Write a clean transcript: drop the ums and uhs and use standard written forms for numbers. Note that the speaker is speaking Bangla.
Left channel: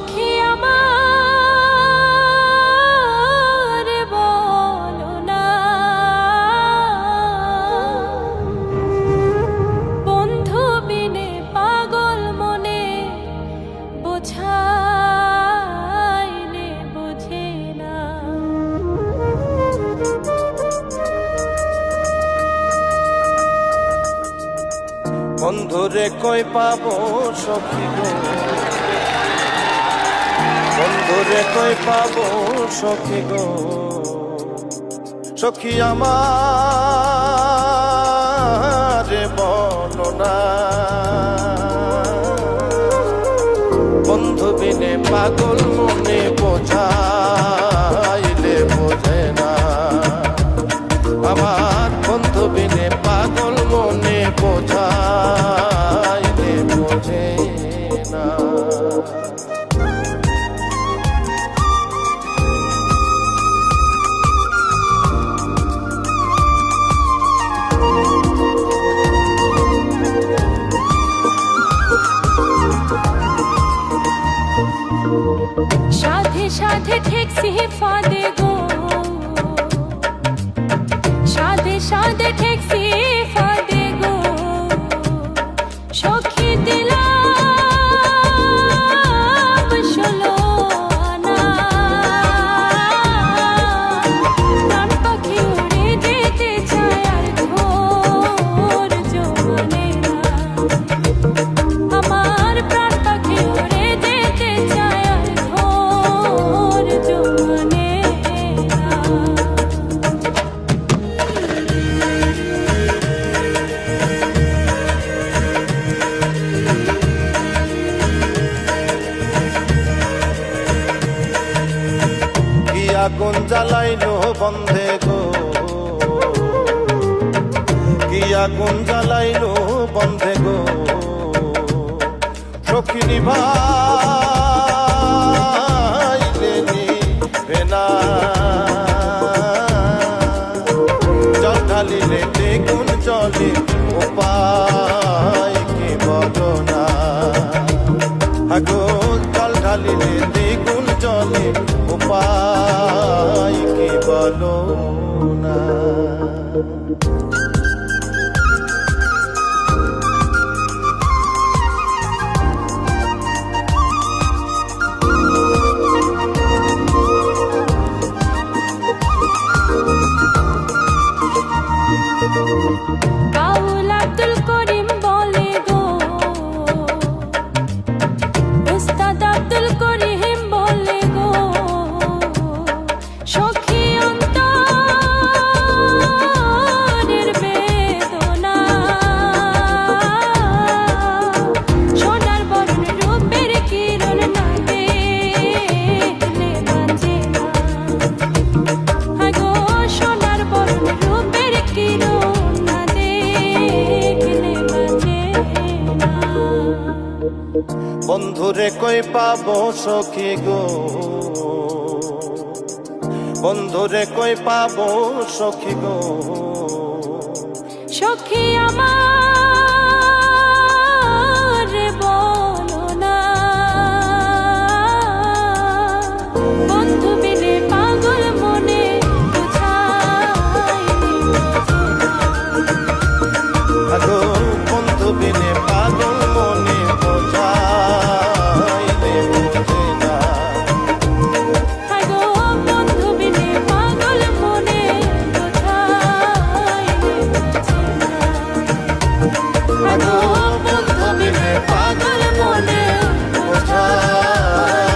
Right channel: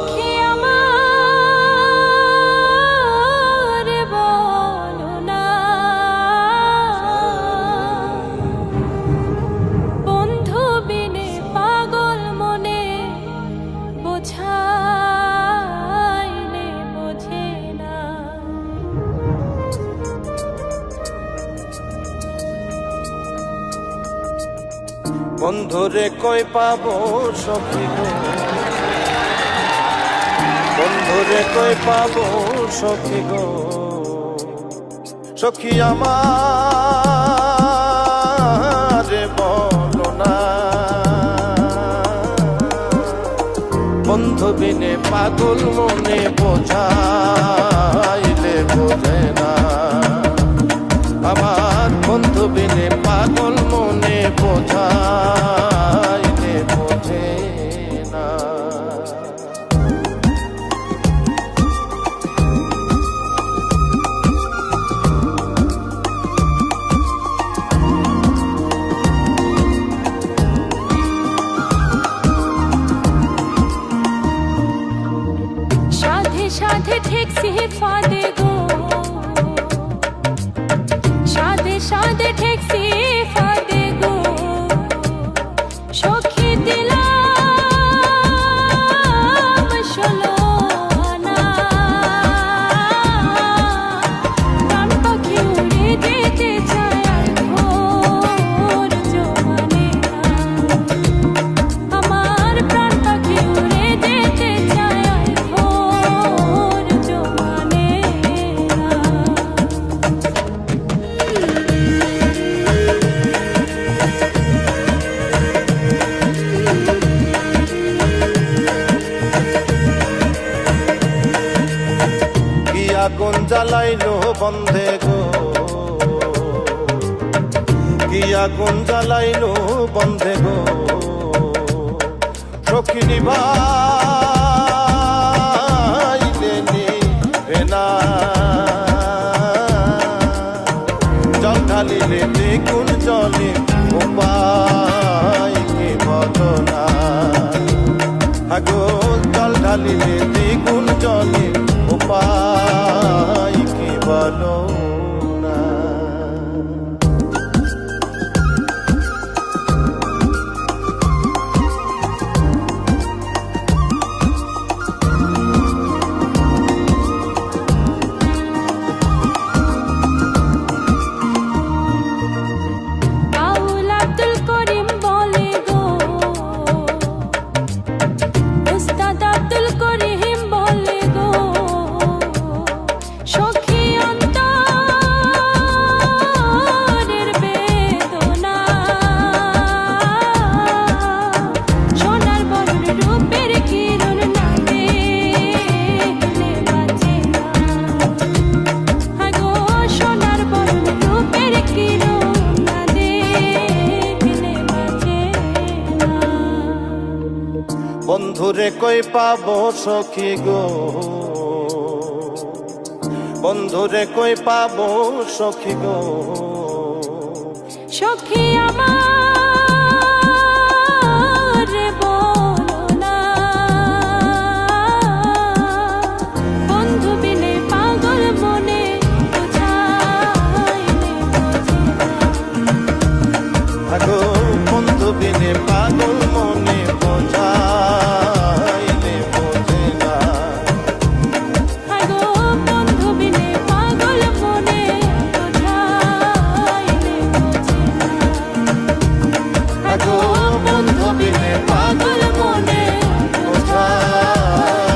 সখী আমার বলো না, বন্ধু বিনে পাগল মনে বোঝাইলে বোঝে না। বন্ধুরে কই পাবো সখী গো, বন্ধুরে কই পাবো সখী গো, সখী আমার বলো না, বন্ধু বিনে পাগল মনে বোঝাইলে বোঝে না। আমার বন্ধু বিনে পাগল মনে বোঝাইলে বোঝে না। সাধে সাধে ঠেকছি ফাঁদে গো, সাধে সাধে ঠেকছি ফাঁদে গো, সখী দিলাম ষোলো আনা, প্রাণ পাখি উড়ে যেতে চায় আর ধৈর্য মানে না। আমার প্রাণ পাখি উড়ে যেতে চায় আর ধৈর্য মানে না। কি আগুন জ্বালাইলো বন্ধে গো, কি আগুন জ্বালাইলো বন্ধে গো, সখী নিভাইলে নিভে না। জল ঢালিলে দ্বিগুণ জলে উপায় কি বলো না। আগো জল ঢালিলে দ্বিগুণ জলে উপায় কি বলো না। বাউল আব্দুল করিম বলে গো, উস্তাদ আব্দুল করিম বলে গো, সখী অন্তরের বেদনা, সোনার বরণ রূপের কিরণ না দেখলে বাঁচে না। আগো সোনার বরণ রূপের কিরণ না দেখলে বাঁচে না। বন্ধুরে কই পাবো সখী গো, বন্ধুরে কই পাবো সখী গো, সখী আমার বলো না, বন্ধু বিনে পাগল মনে বোঝাইলে বোঝে না। আগো বন্ধু বিনে পাগল মনে বোঝাইলে বোঝে না। আগো বন্ধু বিনে পাগল মনে বোঝাইলে বোঝে না। আগো বন্ধু বিনে পাগল মনে বোঝাইলে